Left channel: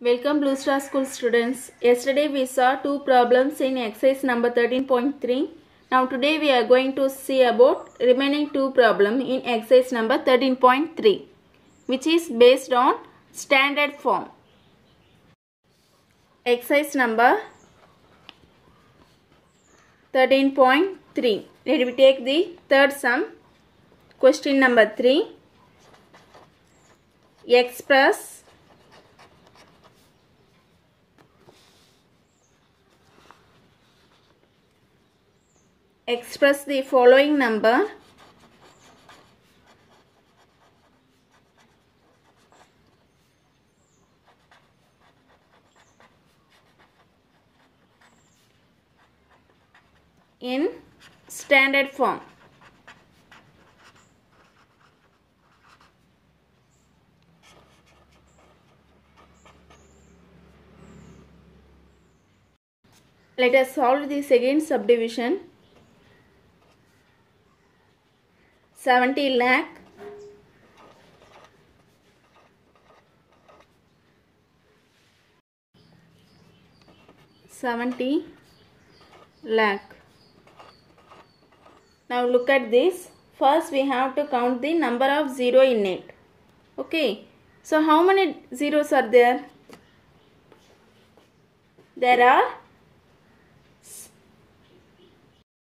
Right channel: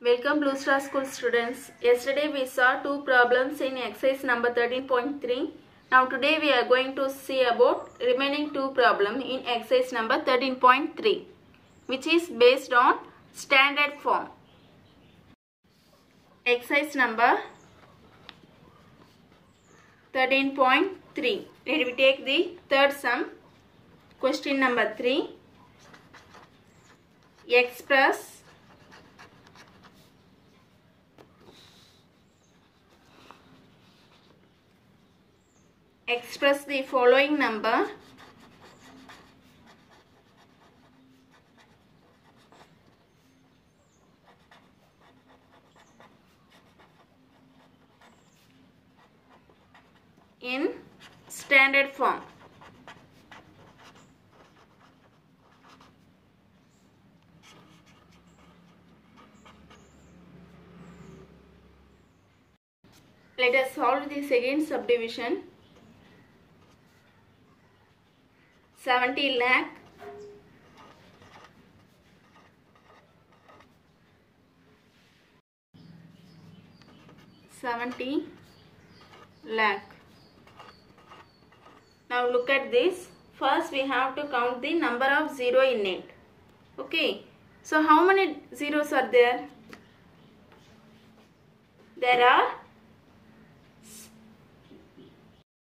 Welcome Blue Star School students. Yesterday we saw two problems in exercise number 13.3. Now today we are going to see about remaining two problems in exercise number 13.3, which is based on standard form. Exercise number 13.3. Let me take the third sum. Question number 3. Express the following number in standard form. Let us solve the second subdivision. 70 lakh Now look at this. First we have to count the number of zero in it. Okay. So how many zeros are there? There are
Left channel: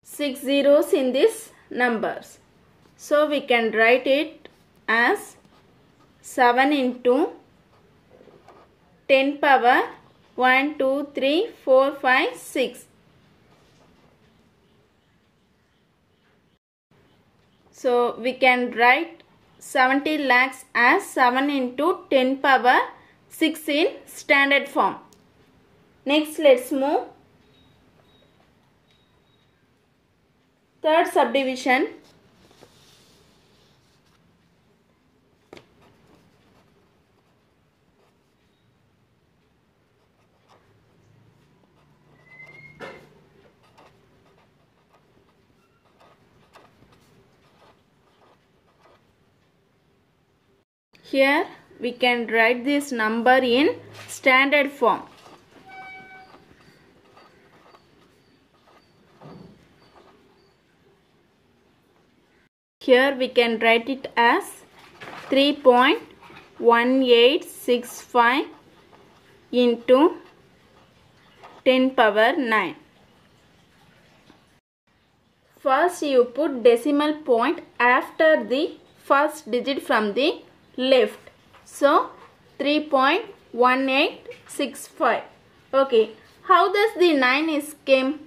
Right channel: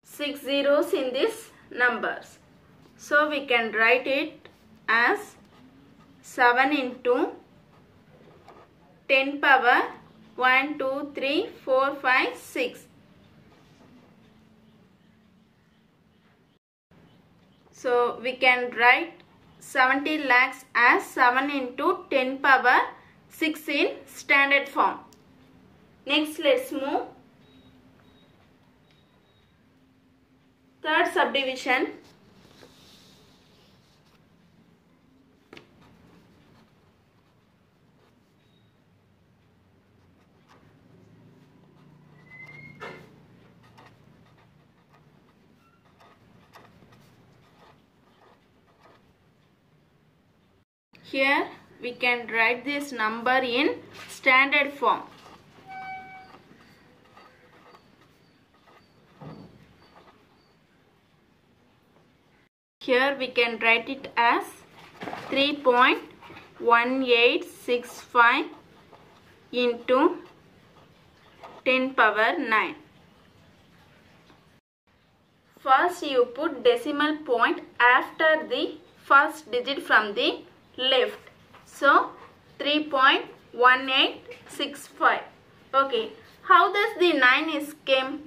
6 zeros in this numbers. So we can write it as 7 into 10 power 1, 2, 3, 4, 5, 6. So we can write 70 lakhs as 7 into 10 power 6 in standard form. Next let's move. Third subdivision. Here we can write this number in standard form. Here we can write it as 3.1865 into 10 power 9. First you put decimal point after the first digit from the left. So 3.1865. Okay. How does the 9 is came?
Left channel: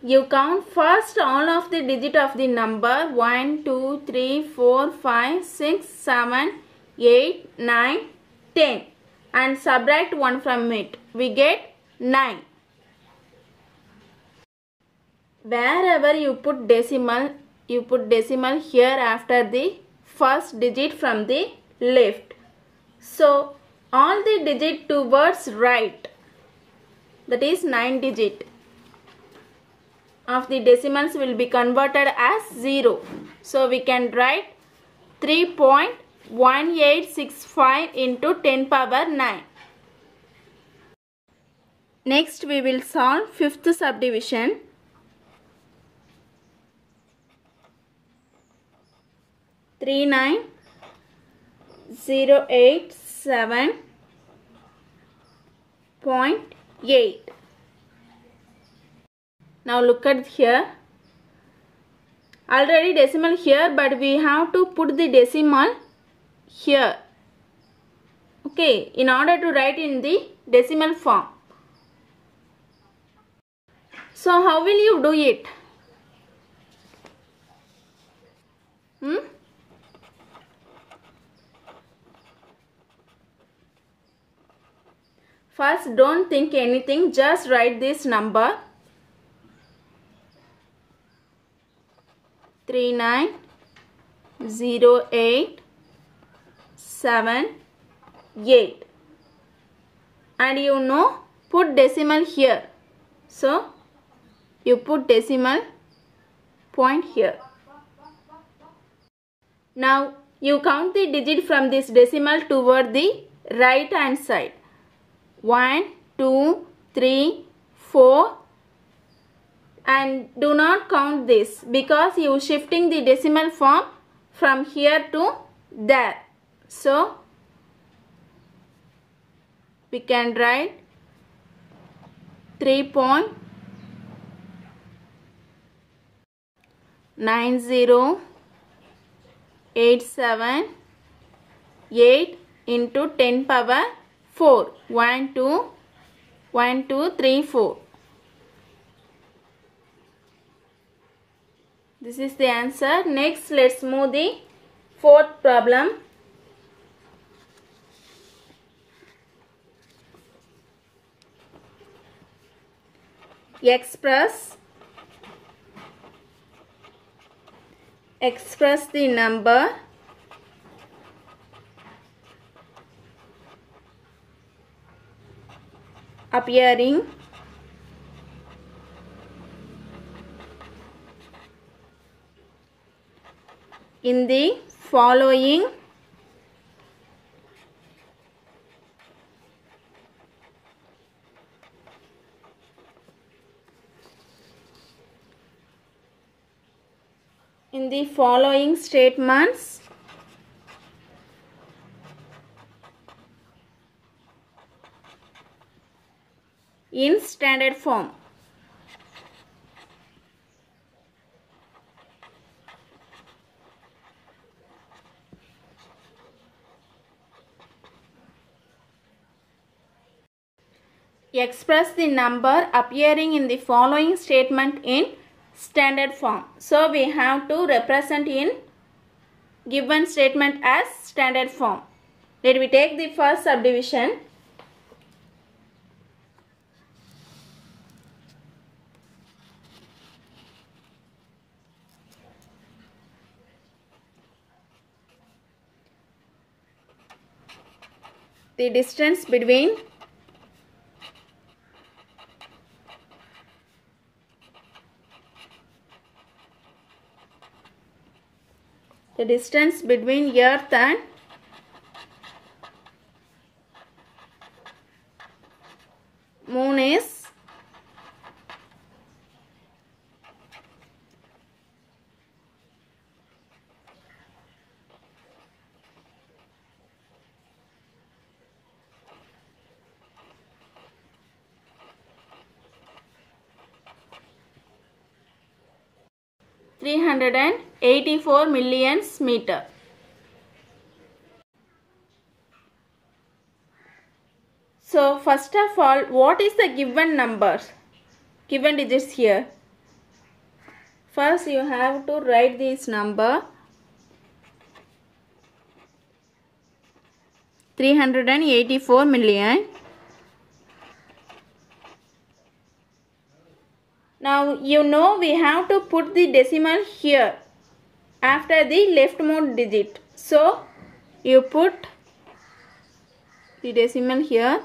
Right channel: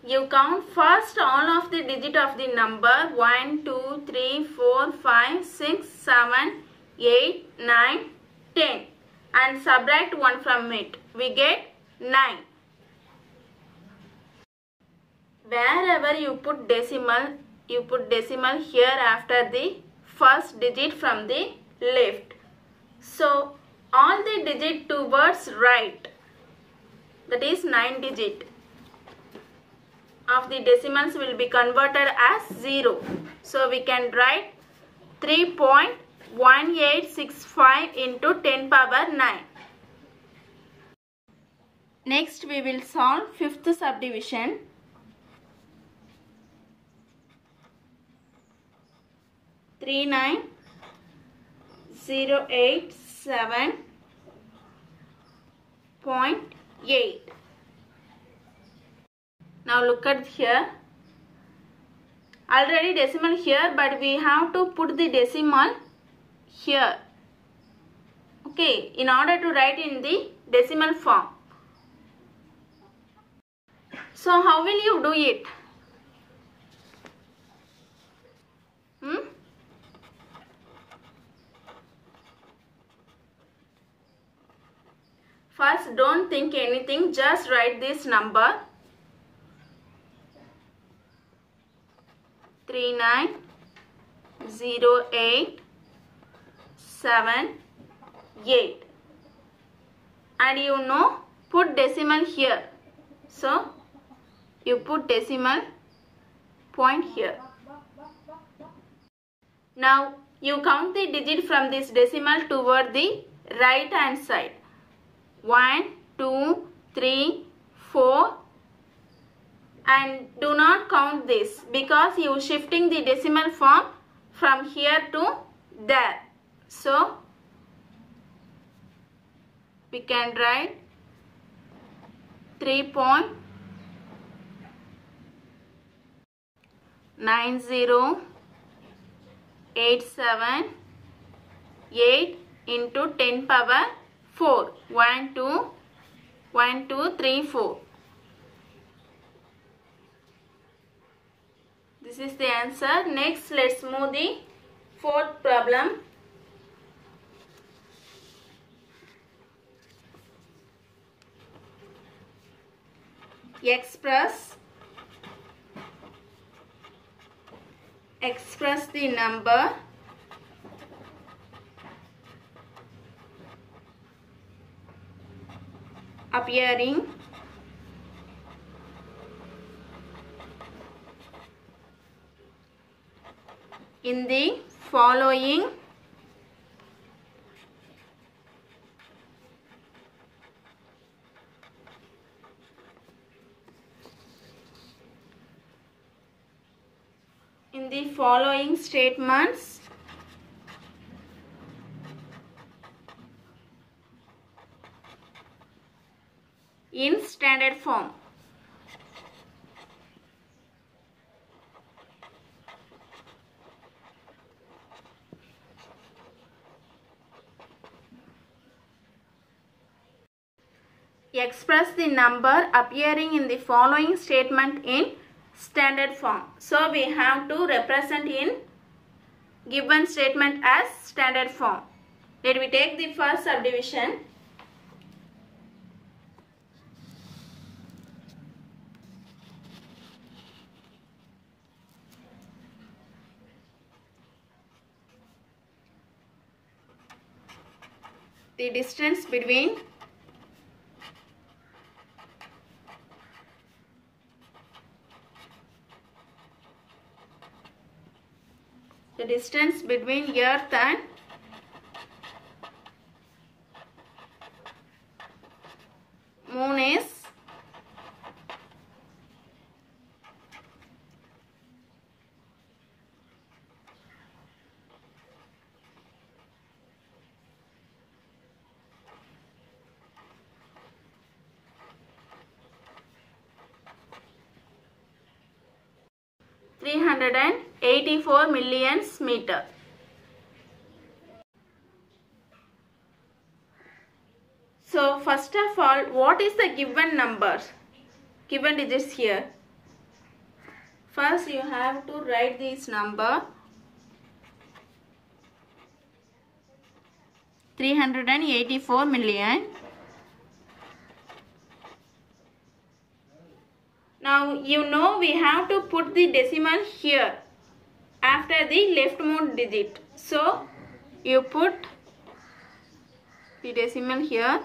You count first all of the digit of the number 1, 2, 3, 4, 5, 6, 7, 8, 9, 10 and subtract 1 from it. We get 9. Wherever you put decimal here after the first digit from the left. So all the digit towards right, that is 9 digit of the decimals will be converted as 0. So we can write 3.1865 into 10 power 9. Next we will solve fifth subdivision. 39087.8. Now look at here. Already decimal here, but we have to put the decimal here. Okay, in order to write in the decimal form. So how will you do it? First, don't think anything, just write this number 39087.8 and you know put decimal here. So you put decimal point here. Now you count the digit from this decimal toward the right hand side. 1, 2, 3, 4, and do not count this because you are shifting the decimal form from here to there. So we can write 3.90878 into 10 power 4. 1, 2, 3, 4. This is the answer. Next, let's move the fourth problem. Express the number appearing in the following statements in standard form. Express the number appearing in the following statement in standard form. So we have to represent in given statement as standard form. Let me take the first subdivision. The distance between Earth and Moon is 384 million meter. So first of all, what is the given numbers? Given digits here. First you have to write this number 384 million. Now you know we have to put the decimal here after the leftmost digit. So you put the decimal here.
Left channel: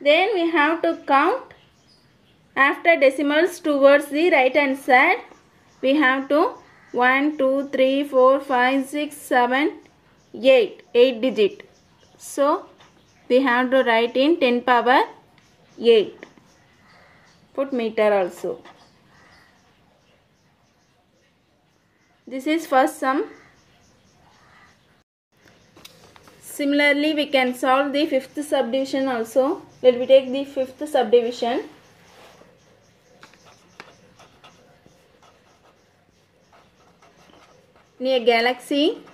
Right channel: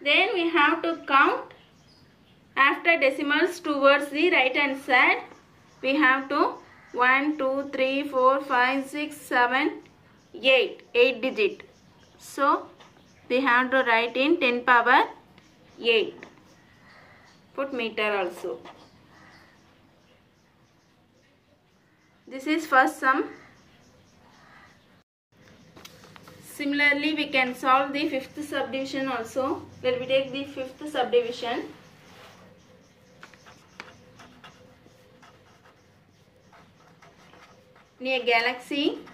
Then we have to count after decimals towards the right hand side. We have to 1, 2, 3, 4, 5, 6, 7, 8. 8 digit. So we have to write in 10 power 8. Put meter also. This is first sum. Similarly, we can solve the fifth subdivision also. Let me take the fifth subdivision. In a galaxy,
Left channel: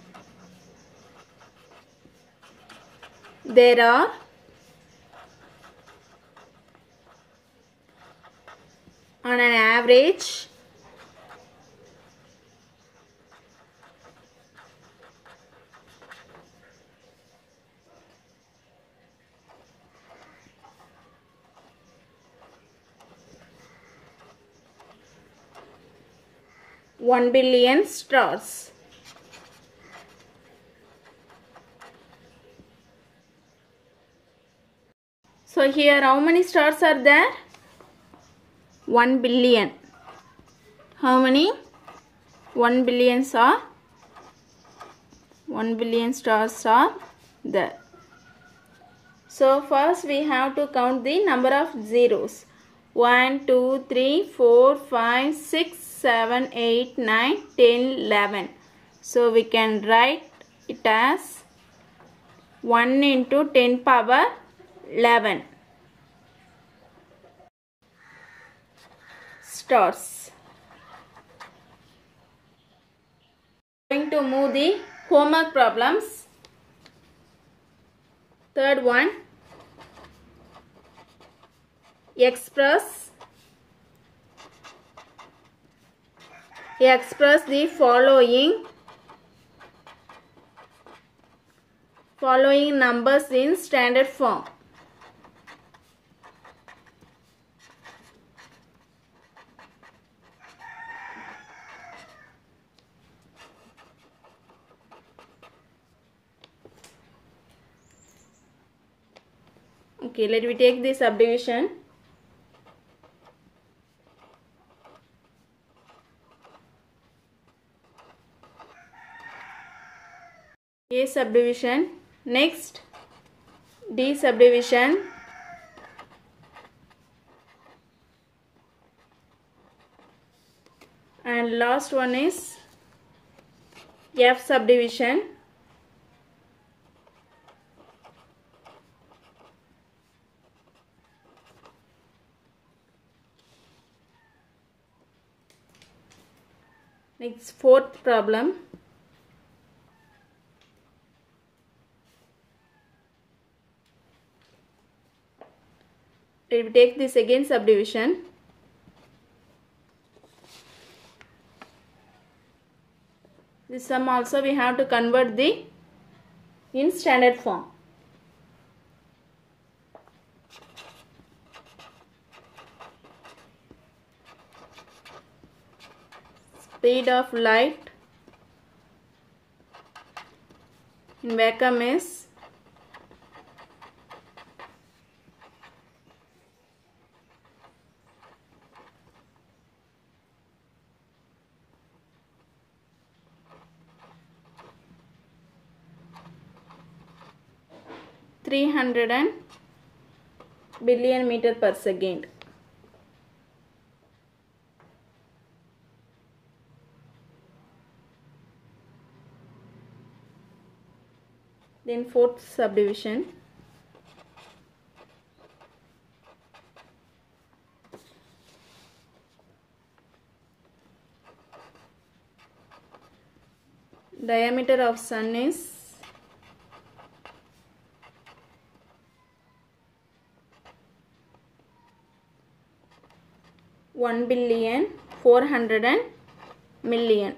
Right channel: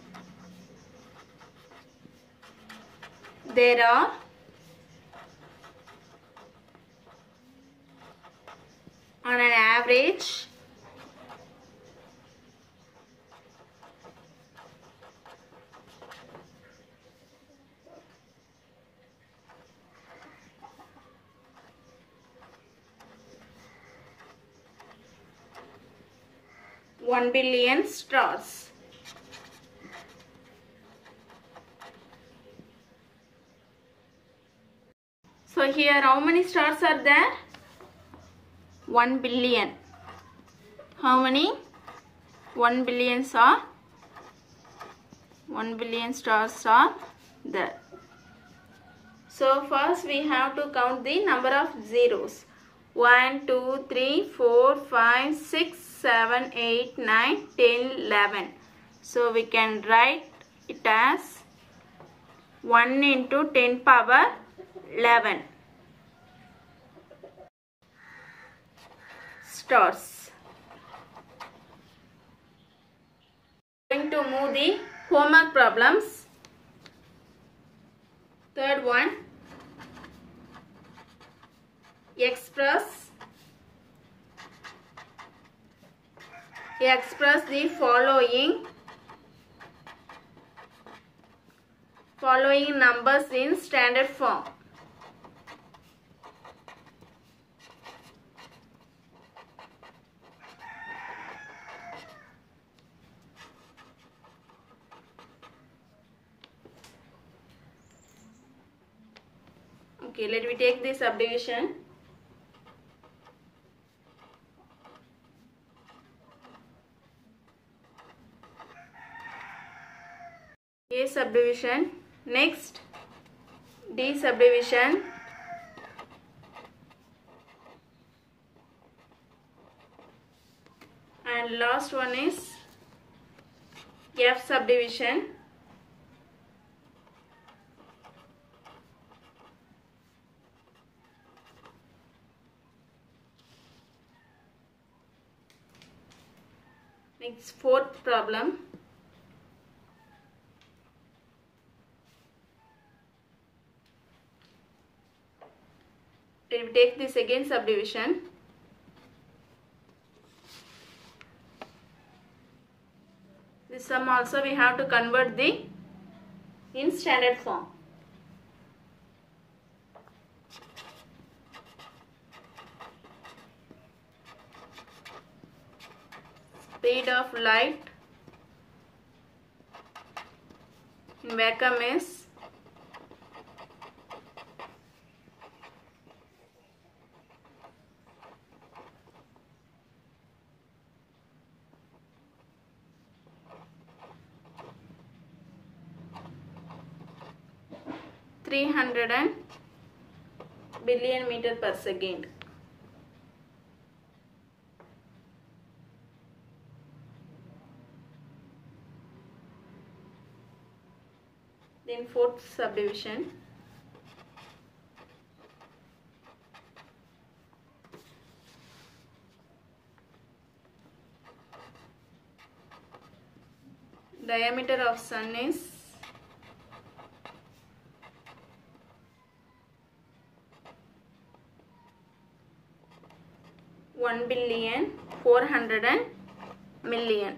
there are on an average 1 billion stars. So here how many stars are there? 1 billion. How many? 1 billion stars are there. So first we have to count the number of zeros. 1, 2, 3, 4, 5, 6, 7, 8, 9, 10, 11. So we can write it as 1 into 10 power 11 stars. Going to move the homework problems. Third one, express the following numbers in standard form. Okay, let me take the subdivision. A subdivision. Next, D subdivision. And last one is F subdivision. Next, fourth problem. We will take this again subdivision. This sum also we have to convert in standard form. Speed of light in vacuum is 300 billion meter per second. Then fourth subdivision. Diameter of sun is 1,400,000,000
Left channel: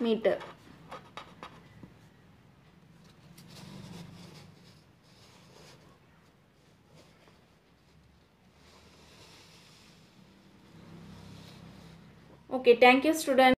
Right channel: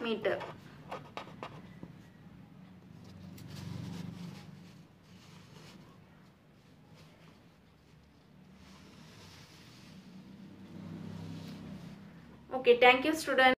meter. Okay, thank you students.